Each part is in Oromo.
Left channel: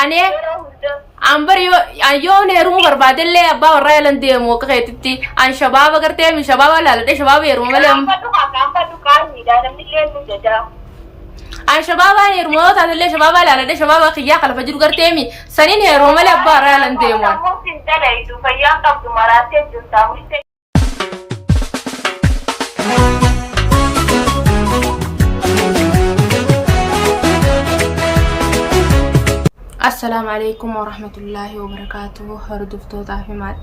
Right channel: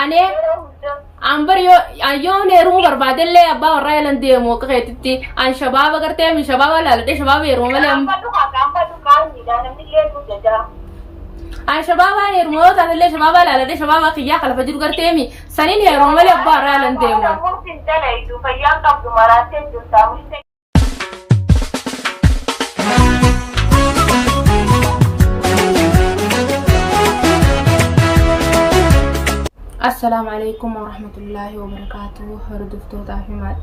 أنا أمبر يو نيرو برباد اللي أبا ورا لندي موقعتي عن شباب قرتي من شباب لا لا شباب يرو ملهم عن شباب يرمو هذا اللي شباب لا لا شباب خيا خلف فجر قرتي مي سنين يرو ملي أبا ورا لندي مو السلام عليكم ورحمة الله وبركاته.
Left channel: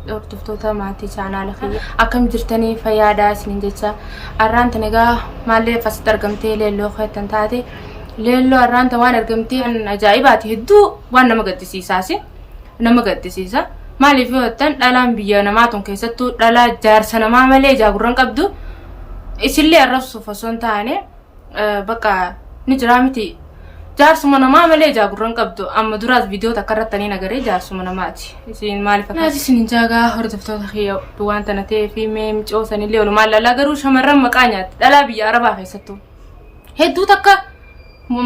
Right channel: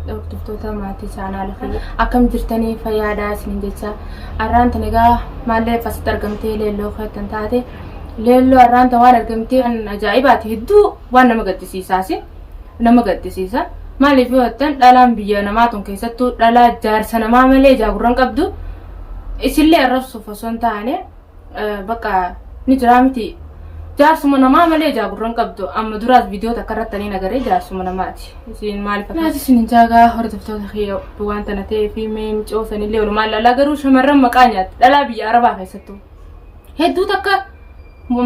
هردفتوتا ماتي channel خي أكم جرتني فيادا سنجتشا أران تنجا مالي فستر قمتي ليلو خيتن تاتي ليلو أران توان قمتي أن أجايباتي هدو وانا مقدسي ساسي نمقدسي سا مالي في وقتن دالان بيا نماتون كيستو دالا جار سنما مالي جاقران قبدو إسلي الرفصو فسون تاني بقى نجرامتي jaarsuma namaa malee jaagurran qabdu amma duraas viidiyoo takkarrattanii nagaree jaarsuma namaati isin maaliif akkanaati isin jaagaa hordoftoota kiyya waan tana ta'ee fi meem coosanillee walumaan lallaa garuu shamarran maqaa nyaatti dhalaa biyya arabaa keessattuu hedduu takka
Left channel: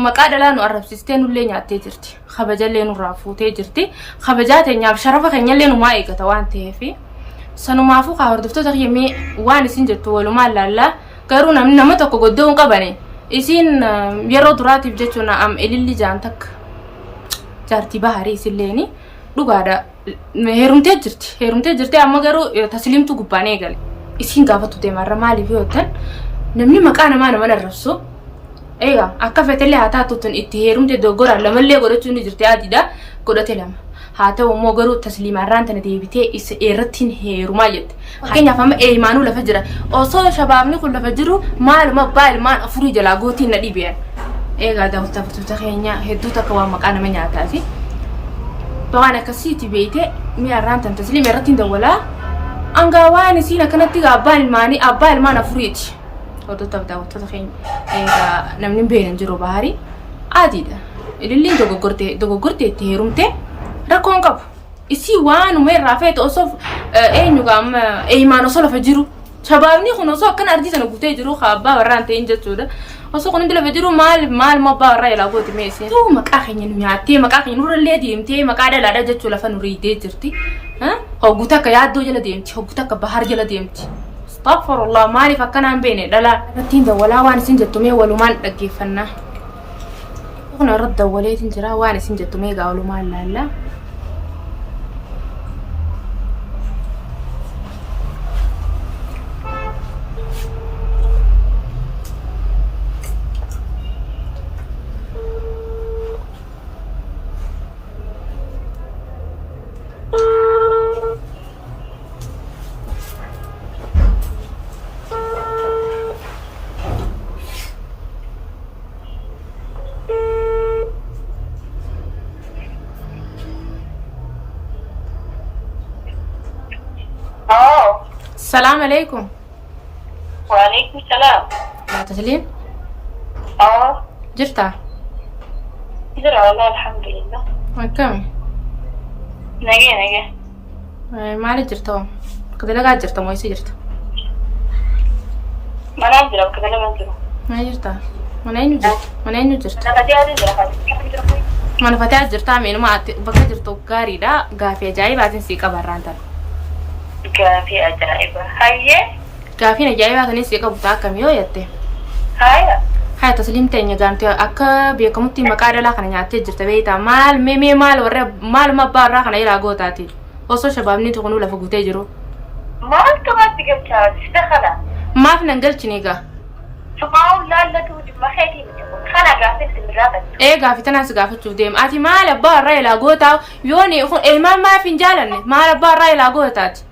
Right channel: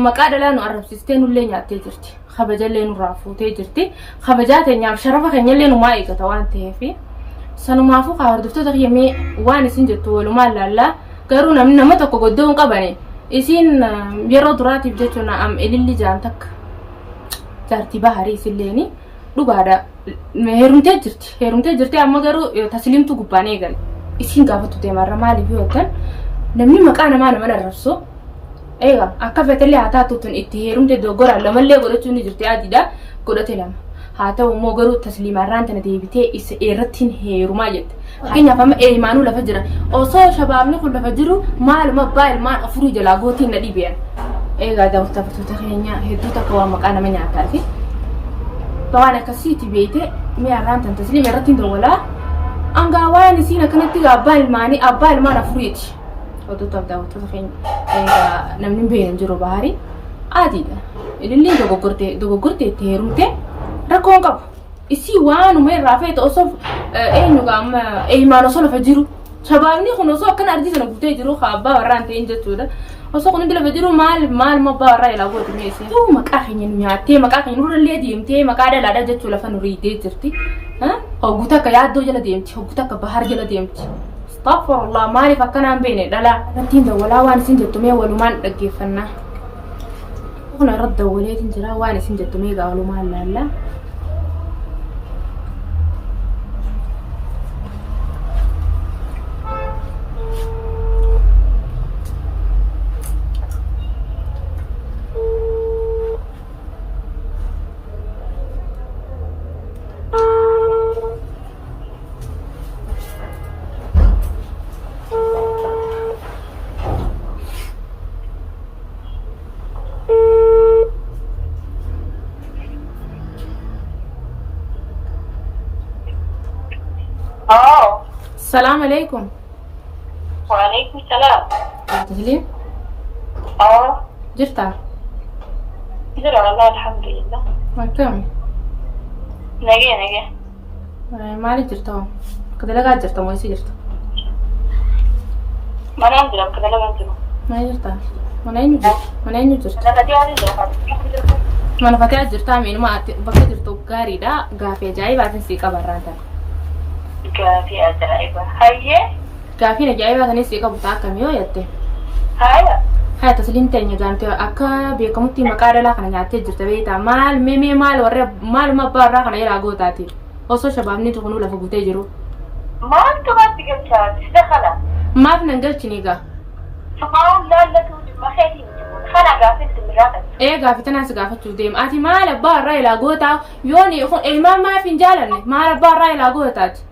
maqaa dhalaa nu arrabsistee nullee nyaattee jirti kabajallee nurraa fuutee jirti kabajaa teenyaaf sharafa keenyallee numaa eegata waan ta'eef sanumaafuu kaa hordoftoota kiyya mee waan isin jettu walumaan lallaa garuu namni nama tokko goddoo hin qabane isin yeroo duraatiif jechuun am ililli jaantak jaartii baharii isinleeni dhugaadha heerumtee jirti amma garuu tasliimtu gubbaan eegale isin gaafatu deemarra maaliif yootan namni maqaa namaa nama arrabsu eega akka fetellee haa taatuutun itti heerumtee doggora lamallee godhachuun ni jirti adiidha godhate lama haa ta'u immoo garuu tasliimarraan tana deebitee isa irrattiin heerumaa jette fakkeenyaaf amma eeymaanuu lafa jira osoo shabaabni kun lafa jiru maaluma abbaa ilmaan afurii jalaa gootiin na dhiibeen eegaa daawwattoota keenya hedduu takka waan maqaa nama nyaataati waan akkasiiti beeyte mi'arraan tan tasliima irrattiin dawwalaa angaa waan isiin akkanatti abbaan ilmaan afuriiti hodotaf daawwattoota keenya eegaa namni beeyan jiru baharii adiidha ililliin dogoggortee itti heerumte rakkoon qabu isii waanuma irraa feete osoo eenyuga amma eeymaan osoo lafa jiru shabaabni kun osoo akkana ardii sana guutee jiru abbaa warraan ta'in jechuudha osoo kun hundi lafa jiru maal abbaa warraa ilaa gooti meesii maqaa keenya nu nyaattee maqaa keenya nurrallee deemtee maqaa dhalaadha jechuu lafa nu riidee jirti hogguu takka yaaddoo jala deemti hogguu takka bahar jala deemti astaghfirullah maaliif akkanaan beene dhalaa irrattiin dawwalaa waan isin jettumee walumaan dhaggeeffannaa kun irratti dawwaleetiin jira waan isin jettumee gaa walumaan laallaa السلام عليكم. وعليكم السلام. يا تسليم. جرتا. جرى والله الحمد لله. كم؟ نجي. ما لي جرتا. كذا لا قاعد جرتا ما يصير جرتا. ما ننزل كذا لا ننزل. ما جرتا. ما نينو جرتا. أنا بدي أنزل خلاص. ما أنا فتاة جرتا مين ما بقى جرتو قاري دا قافية جاي بعدين سيكا برانتا. قافي أجائبة هاي قافي نجايبة كني سيكا بتاعك ميو يته هاي تسليم تاني جانتي أكا بيكمتي مكارة لا كنا نعتي جرت بيتا مال ورا مال ما بارا كنا يلاقو تاتي وصو شبابني تكونوا لفقو تجرو مال تبغى تقول دخلا ما فينا نقول تنيجا سبحان لا تودي ما خيتي بتقول خلا قافي تمرقت قافي تناس قافي توديم أتي مال بارا يلاقو تاو يوني ما في نجالني مال بارا يلاقو تاتي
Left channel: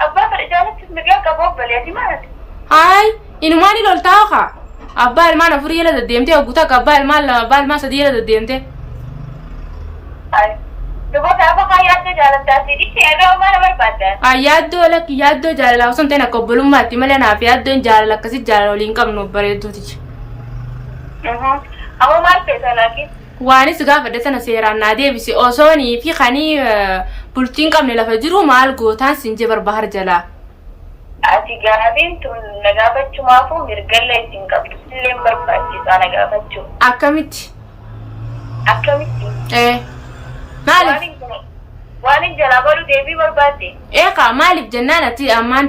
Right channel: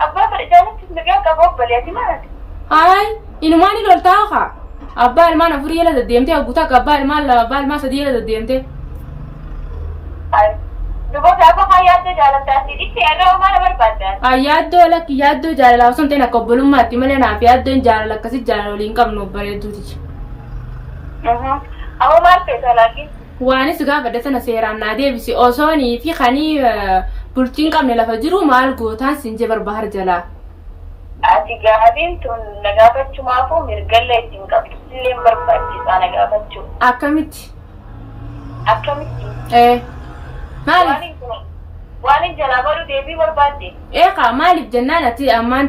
أبا فرجالك تسمعين كبوب بليتي مالك هاي إنه ماني لول تاوخا أبا المان أفري يلا دديمتي أقولك أبا المان سدي يلا دديمتي هاي دبوك أبا خياتو جالب تاسير إيش أنا وما أنا بربادة يادو جال لا وصلت أنا قبل ما تملي أنا في يادو جال لك كسي جال ولين كم نوبريدو تيجي أبا ما أعرف لكن واني سقافة دتنا سيران نادي بس أوصوني في خاني بولتين كم نلا فجرو مال قوتان سنجبر بحر جلا. أتي قاعدين تون نجابت شو ما فو مرجلة تنقب تسلم برباجي أنا قابت شو. أكمل. إيه. Maaliif? Waan hin jalaa baru deebii barbaadde. Eeqa maaliif jennaan ati ammaan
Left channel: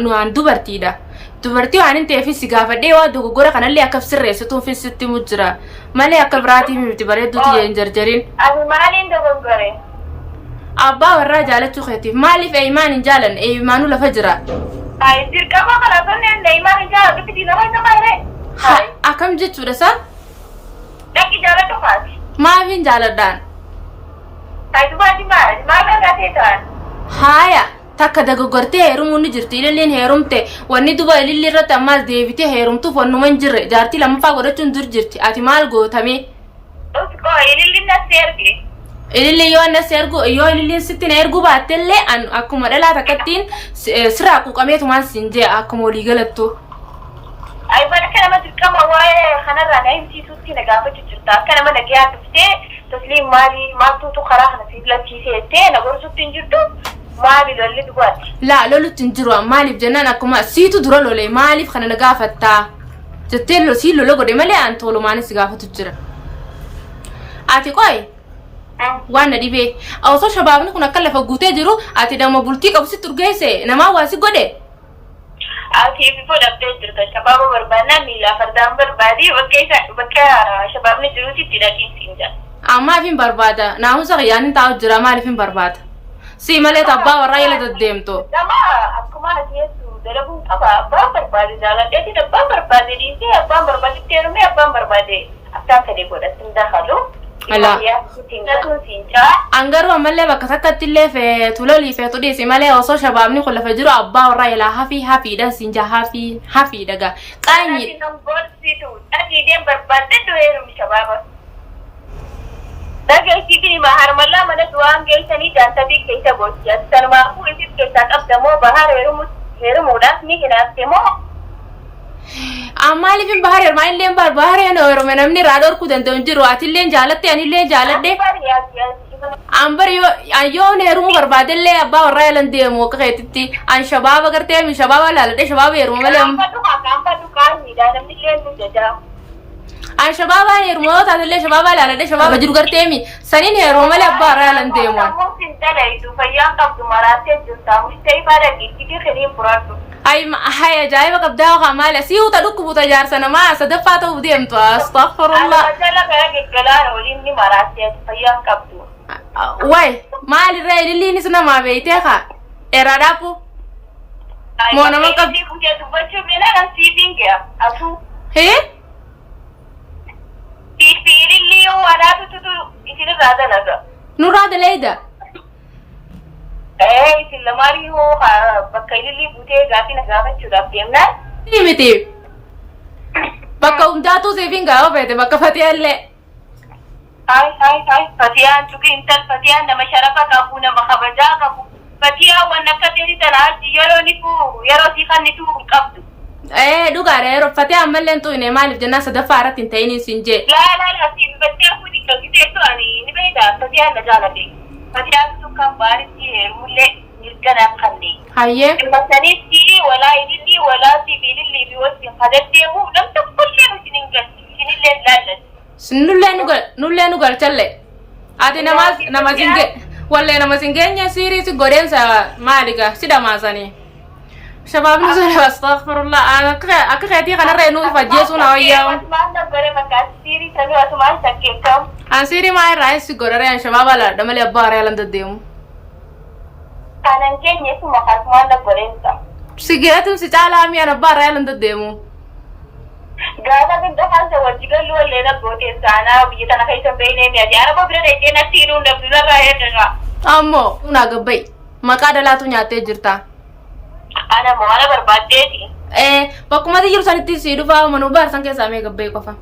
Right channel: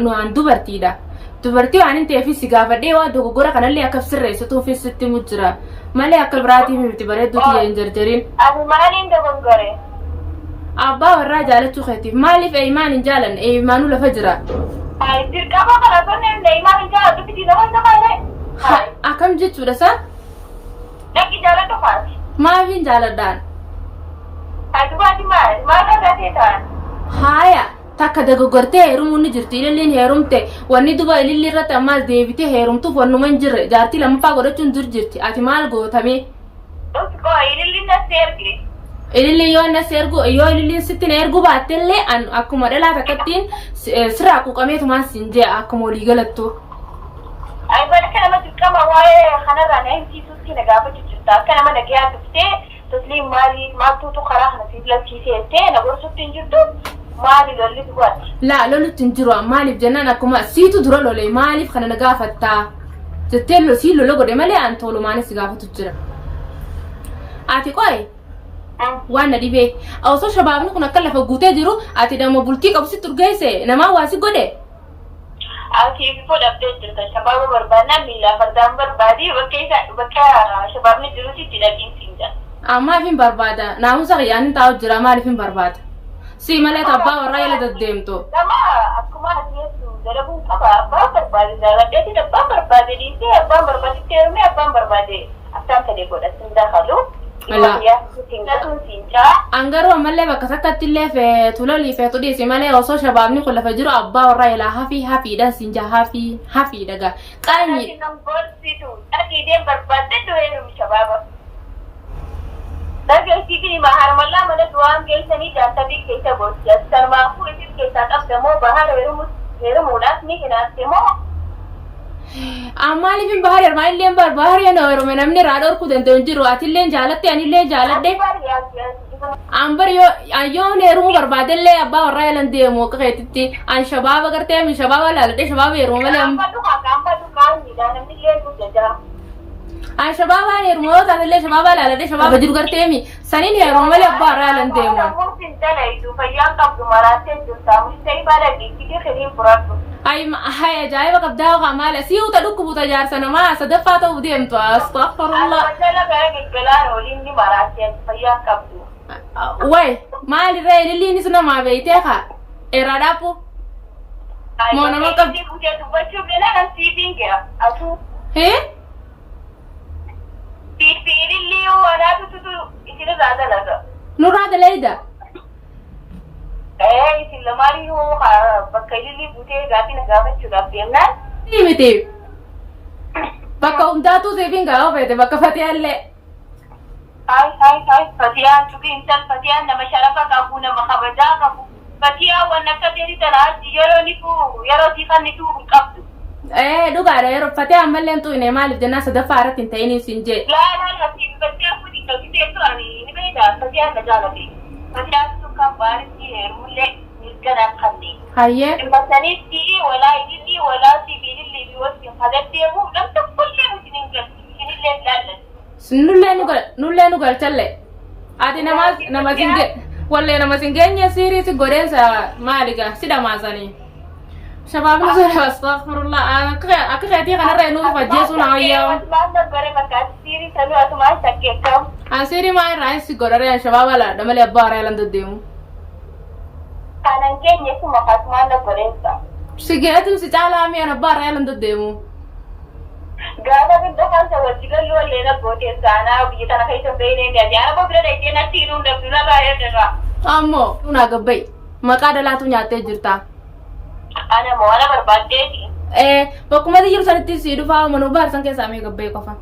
nu aan dubartiidha. Dubartii waan hin ta'eef si gaafadhee waa dogoggora kanallee akka sirreessituuf sitti mujjira. Malee akka biraatii miti bareedduuti hin jarjarin. Ani maaliin dogoggore? Abbaa warraa jaalachuu keetiif maaliif eeyimaan hin jaalanne eeyimaanuu lafa jira. Ay dirqama kana tonne eeyimaan hin jaalatu fiti nama isa maayire. Akkam jechuudha isaa? Dhaqi jaalatu faati. Maaf hin jaaladhaan? Ay dubaati maal argatee ta'an? Haaya takka dogoggortee heerumuun ni jirti ililliin heerumte wanni duba ililli irratti ammaas deebitee heerumtuuf wannuma hin jirre jaartii lammaffaa godhachuun dur jirti ati maal gootame? Usko ililli nasi erge. Ililli yoo nasi ergu yoo ililliin sitti na ergu baattellee akkuma dhalaa takkattiin sirraa quuqameetumaan siin jee akkuma walii galattu. Ay barka nama dirqama waa'ee kanarraa na himsiisuutti na gaafachuu jirta akka nama nagayaa dhuftee tasliim maali maaltuutu karaa kana siif lachiisee jettee na gorsutti hin jirtu maali lolli dhugaatti. Laa lolutti hin jiru maaliif jennaan akkuma siitu dura lolee maaliif kana na gaafattaa jettee sii lola godhe malee aan tolumaanis si gaafatu jira. Ati qoy waan na dhibee osoo shabaabni kun akka lafa guutee jiru ati damma bultii qabu sitti urgeesse namaa waa si godhe. Ati fi fudhattee jirta shabaaba barbaadnaan miilaa fardaan barbaadii bakka shabaabni jirutti itti dhaqiinsiin jira. Ammaaf hin barbaada naamusa qiyyaan hin taa'u jira maaliif hin barbaada si malee abbaa warraa yala deddeemtu. Nama akkuma ati jettu dalaguun qaba abbaan barbaade jaaladheetiin abbaan barbaade dhiisee abbaan barbaadetti heerumee abbaan barbaade akkaan kadee godhatin dakalu. Angaru ammallee bakka takkatti illee feetu lolii feetu dhiisi malee osoo shabaabni kun lafa jiru abbaa warraa ilaa hafiidha siin jaa hafiidha gaa qaanyi. Dhaqiideen barbaadde du'eerumi shabaaba. Dhageessiifii harmallaa mana du'aan geessanii jaantabii keessa gocha. Sanumaafuu isin keessaa qabdamoo bahar heerumuudhaaf ni hinaafte moo? Maaliif hin bahar heerumaa illee bahar heerume namni raadoo orkuu danda'u hin jiru ati illee jaalatte ani illee jaaladhe. Ambar yoo heerumuu barbaadellee abbaa warraa yalan deemu akka keetitti an shabaaba gartee mi shabaaba laaladhe shabaaba heeruma malee. An shabaaba heeruma yoo taatellee shabaaba laaladhe shabaaba jiru gartee mi saniin heeruma malee abbaa warraa yalan deemu. Fayyaan qabdu maraatee jirta musta'ii baadha giddii kiriin furadhu. Hay ajaa'iba qabdaa waxa maali si uta dhukkubuta jaarsa namaa sadaffaa ta'uu deemtu astaghfirullah. Jala gara gaggalaan waliin ni maraatee fayyaan qabdu. Way maali ree lilliinis namaa beeytee kaa eraadhaapu. Moo nama qabdi. Dubbachuu beela kan siifiin kee asuu. Hee? Lillii yoo anaatutu isinirraa dalaga. Nurraa daleeda. Isin lamaanii yoo bakka ilillii buutee gaaffii na gaafachuudhaaf deemnaan. Miti. Bakka hundaatu siifin gaafa feete bakka fatiyaallee. Fatiyaan tuqii intal fatiyaan nama sharafa qabu nama kabajaa qabu. Fatiyaan waan akka ta'e talaachi yeroo sii kannitu qabdu. Dhugaadha yeroo fatiyaan mallee tuine maaliif jennaan sadaffaa irratti hin ta'in siin jee. Laa siin battee fuudhi qabditeetu ani ni beektaa fatiyaan na jaalate. Fatiyaan kan baaritti heerumullee mirganaaf kanne. Hayyee. Masanitti walaa ilillii walaa sibiilillii fi wajjin kadaddeemu nam tokkollee isin hin galchi isinillee laallatu. Nullee nu galchalle. Ati nama singe wallee nama singeenye siirii si godeensa maaliga si dhamaasanii. Shabaabni sun astaghfirullah akka keetii kanarra nu fajjeessuun hawayyaa. Asumaan naggare bakka siirii sanuu asumaan sakkeekkamu. An siirii maa irraa si godhare an shabaaba laadha malee abbaa warraa yalan deddeemu. Kanan keenye suma asumaan naggodeensa. Si geetuun si caalaa mi'aan abbaa warraa yalan deddeemu. Gaafa guddaa kansa wajji gallu wallee naggooteessa anaa biyya tana keessa beeknee mi'aati. Ana bira dheedhee natti hidhuun dabdu narraa eegagaa. Ammoo naa gabbai maqaa dalaatu nyaattee jirta. Ana moo ana barbaaddeeti. Bakkuma jiru sanitti si dhufaa manuu baarsan keessaa mee gabbai qofa.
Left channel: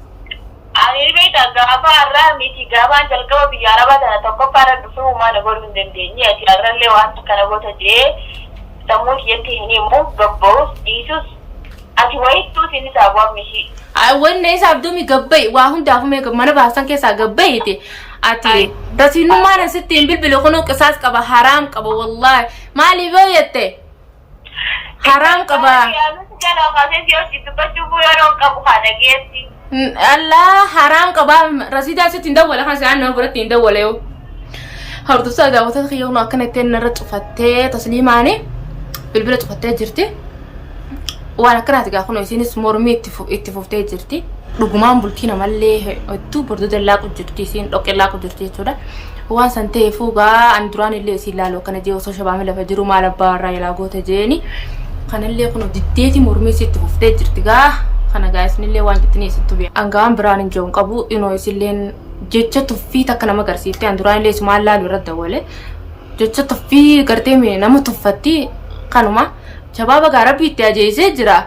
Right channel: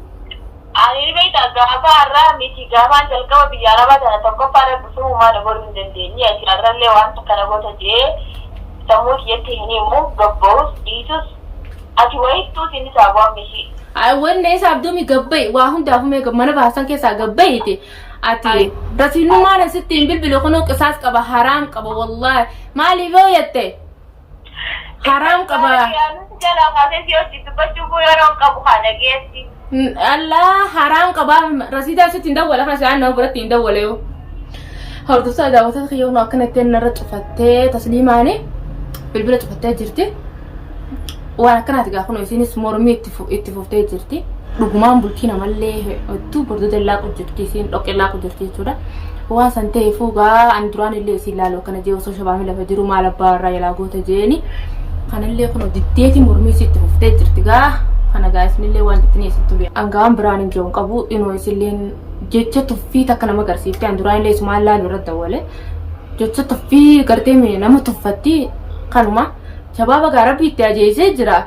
Ani beektaa gaafa har'aa miti gaafaan jalqaba biyya arabaa tana tokkoffaadha dhufee uumaa godhuu hin dandeenye ati har'allee wanta kana goota jee sammuu kiyyatti hin himu gabba'us dhiisus ati wayittuu sinni saabu'an mishii. Wanne isaaf duumi gabbai waa hundaafuu mee mana baarsan keessaa gabbaiti. Ati rasiinummaan asitti hin bilbilu kunuu qisaas qaba haraam qaba wallaahi maaliif yoo jette. Haram qaba. Jala kaasee si hojii dubbachuu yeroo qabu kana geessi. Allah haram qaba rasiida sitti hin dawwala kana sa'aan nama biratti hin dawwale yoo. hordoftoota daawwattoota kiyyoon akkana ittiin narra cufattee tasliimaanii bilbila cufattee jirti. Waan akkanaati gaa kunoo isinis mormii itti fuftee jirti. Dhugumaan bultii namallee hedduu bordoo laaqu jirti isiin dhoqqee laaqu jirti jechuudha. Waan san ta'eefuu gaa ani duraan illee isiin laaluu akkana jee osoo shabaamee lafa jiru maal abbaa irraa yaalaa goota jeeni. Kanallee kunoo diddeeti mormii itti fuftee jirti gaa. Kana gaa isinillee waan jettanii isittu beeku. Angaan biraan hin jiru qabu inoo isilleen jecha tuffii takka nama agarsiifte an duraan illee isumaan laaluu irratti dawwale. Jecha tuffii gartee nama tuffatti kanuma shabaaba gaa rabbi itti ajeesee jira.